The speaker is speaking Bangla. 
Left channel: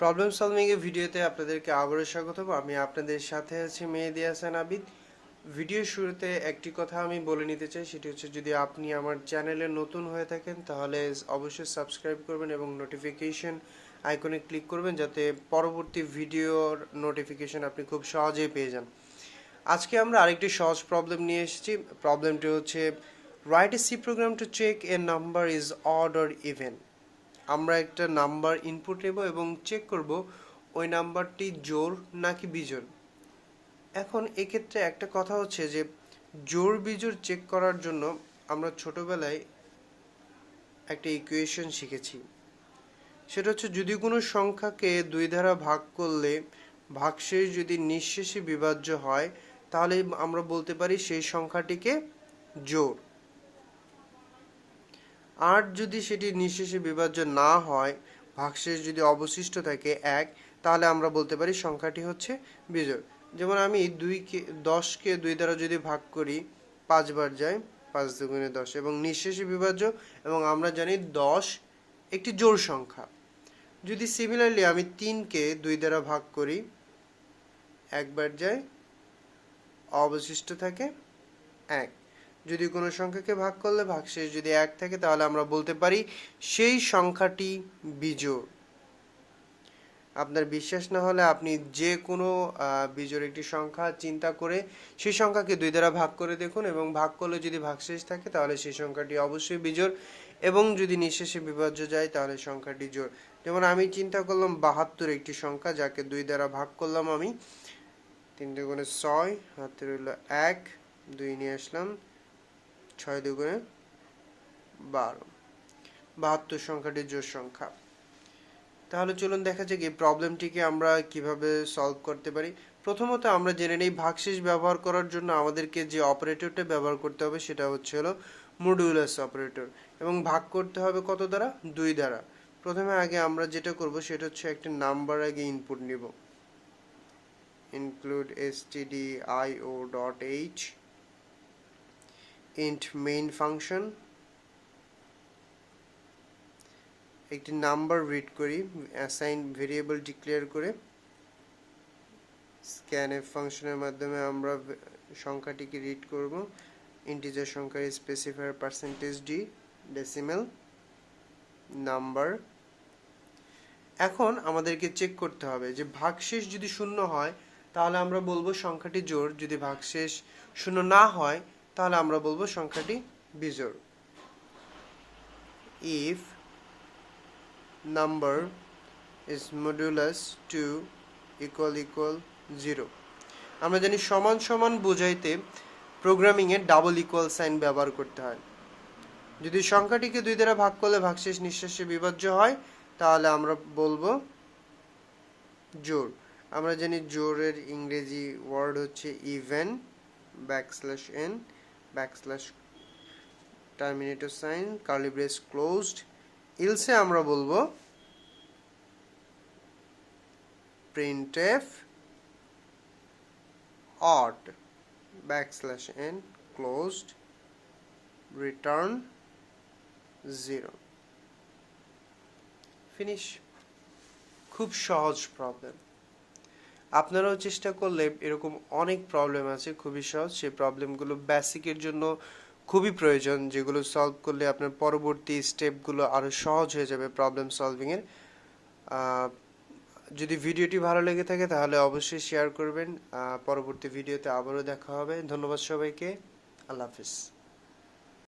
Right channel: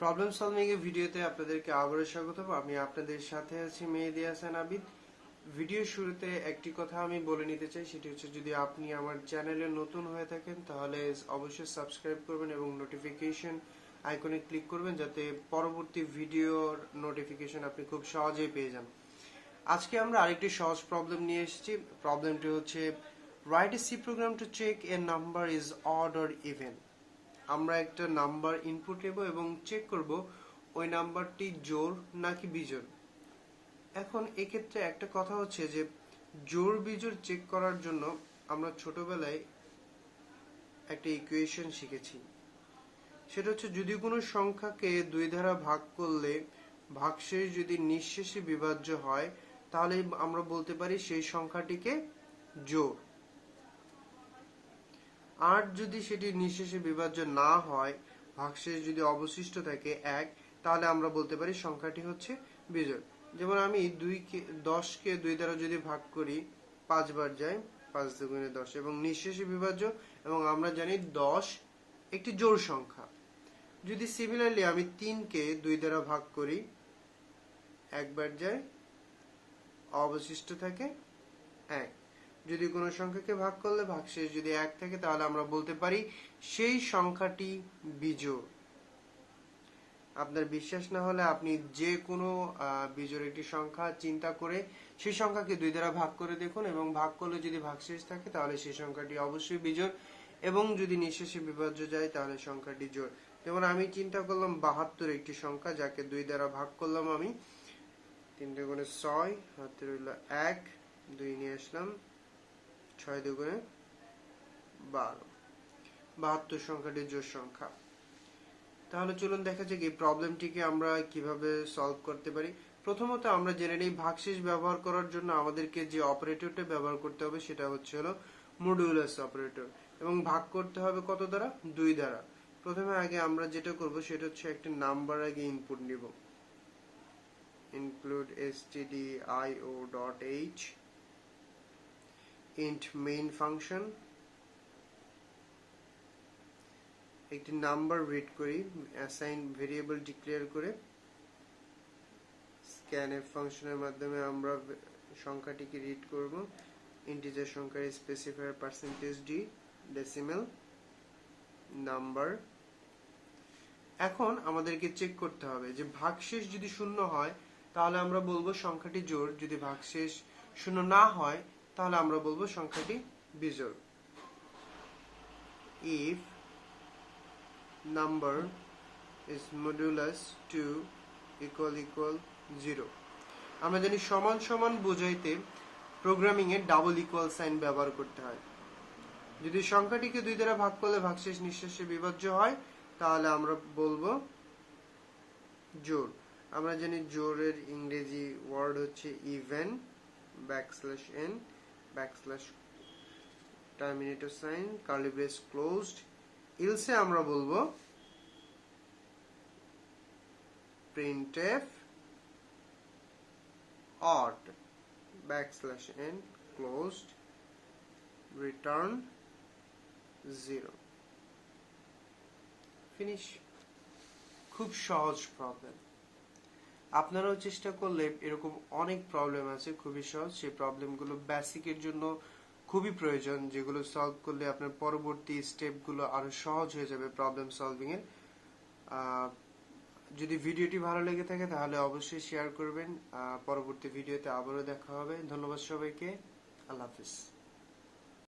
প্রবলেম সলভিং এর ভিডিওতে আপনাদেরকে আবারও স্বাগতম। আমি আপনাদের সাথে আছি মেহেদী হাসান আবিদ। ভিডিও শুরুতে একটি কথা আমি বলে নিতে চাই, সেটি হচ্ছে যদি আপনি আমার চ্যানেলে নতুন হয়ে থাকেন তাহলে অবশ্যই সাবস্ক্রাইব করবেন এবং নোটিফিকেশন আইকনে ক্লিক করবেন যাতে পরবর্তী ভিডিওর নোটিফিকেশন আপনি খুব সহজেই পেয়ে যান। আজকে আমরা আরেকটি সহজ প্রবলেম নিয়ে এসেছি। প্রবলেমটি হচ্ছে write a C program to check a number is odd or even. আমরা একটা নাম্বার ইনপুট নেব এবং চেক করব ওই নাম্বারটি জোড় নাকি বিজোড়। এখন এক্ষেত্রে একটা কথা হচ্ছে যে জোড় বিজোড় চেক করার জন্য আমরা ছোটবেলায় একটা ইকুয়েশন শিখেছি। সেটা হচ্ছে যদি কোনো সংখ্যাকে দুই দ্বারা ভাগ করলে ভাগশেষ যদি নিঃশেষে বিভাজ্য হয় তাহলে আমরা বলতে পারি সেই সংখ্যাটিকে জোড়। আর যদি সেটি নিঃশেষে বিভাজ্য না হয়, ভাগশেষ যদি অবশিষ্ট থাকে 1, তাহলে আমরা বলতে পারি সংখ্যাটি হচ্ছে বিজোড়। যেমন আমি 10কে 2 দ্বারা যদি ভাগ করি 5 বার যায়, 5 দুগুণে 10 এবং নিঃশেষে বিভাজ্য, এবং আমরা জানি 10 একটি জোড় সংখ্যা। যদি সিমিলারলি আমি 3কে 2 দ্বারা ভাগ করি, 1 বার যায়, অবশিষ্ট থাকে 1। যদি কোনো সংখ্যাকে ভাগ করলে ভাগশেষ যদি 1 থাকে তাহলে আমরা বলতে পারি সেই সংখ্যাটি বিজোড়। আপনার বিশ্বাস না হলে আপনি যে কোনো বিজোড় একটি সংখ্যা চিন্তা করে সেই সংখ্যাকে 2 দ্বারা ভাগ করে দেখুন, এবং ভাগ করলে যদি ভাগশেষ থাকে তাহলে সেই সংখ্যাটি অবশ্যই বিজোড়, এবং যদি নিঃশেষে বিভাজ্য যায় তাহলে সংখ্যাটি জোড়। যেমন আমি চিন্তা করলাম 72 একটি সংখ্যা, যাকে 2 দ্বারা ভাগ করলাম আমি, 3 দুগুণে 6, হাতে রইল 1, 2 নিয়ে আসলাম, 6 দুগুণে 12, 72 সংখ্যাটি জোড় সংখ্যা। তাহলে চলুন দেখা যাক এই প্রবলেমটিকে আমরা কিভাবে সলভ করতে পারি। প্রথমত আমরা জেনে নেই ভাগশেষ ব্যবহার করার জন্য আমাদেরকে যে অপারেটরটা ব্যবহার করতে হবে সেটা হলো মডুলাস অপারেটর, এবং ভাগ করতে হবে কত দ্বারা? 2 দ্বারা। প্রথমে আগে আমরা যেটা করব সেটা হচ্ছে একটা নাম্বার আগে ইনপুট নিব। include stdio.h int main function, একটি নাম্বার রিড করি, অ্যাসাইন ভেরিয়েবল ডিক্লেয়ার করে scanf ফাংশনের মাধ্যমে আমরা সংখ্যাটিকে রিড করব। ইন্টিজার সংখ্যার স্পেসিফায়ার %d ডেসিমেল নাম্বার। এখন আমাদেরকে চেক করতে হবে যে ভাগশেষ যদি শূন্য হয় তাহলে আমরা বলবো সংখ্যাটি জোড়, যদি ভাগশেষ শূন্য না হয় তাহলে আমরা বলবো সংখ্যাটি বিজোড়। if number is modulus 2 equal 0, আমরা জানি সমান সমান বোঝাইতে প্রোগ্রামিং এ ডাবল ইকুয়াল সাইন ব্যবহার করতে হয়। যদি সংখ্যাটিকে 2 দ্বারা ভাগ করলে ভাগশেষ নিঃশেষে বিভাজ্য হয় তাহলে আমরা বলবো জোড়। আমরা জানি জোড়ের ইংরেজি ওয়ার্ড হচ্ছে even, \n terminator sign, curly brace closed. Else আমরা বলবো printf odd \n closed return 0। Finish. খুব সহজ প্রবলেম। আপনারাও চেষ্টা করলে এরকম অনেক প্রবলেম আছে খুবই সহজ, সেই প্রবলেমগুলো বেসিকের জন্য খুবই প্রয়োজন, যেগুলো সলভ করলে আপনার পরবর্তী স্টেপগুলো আরো সহজ হয়ে যাবে প্রবলেম সলভিং এর। যদি ভিডিওটি ভালো লেগে থাকে তাহলে অবশ্যই শেয়ার করবেন। পরবর্তী ভিডিওতে আবারও দেখা হবে। ধন্যবাদ সবাইকে। আল্লাহ হাফিজ।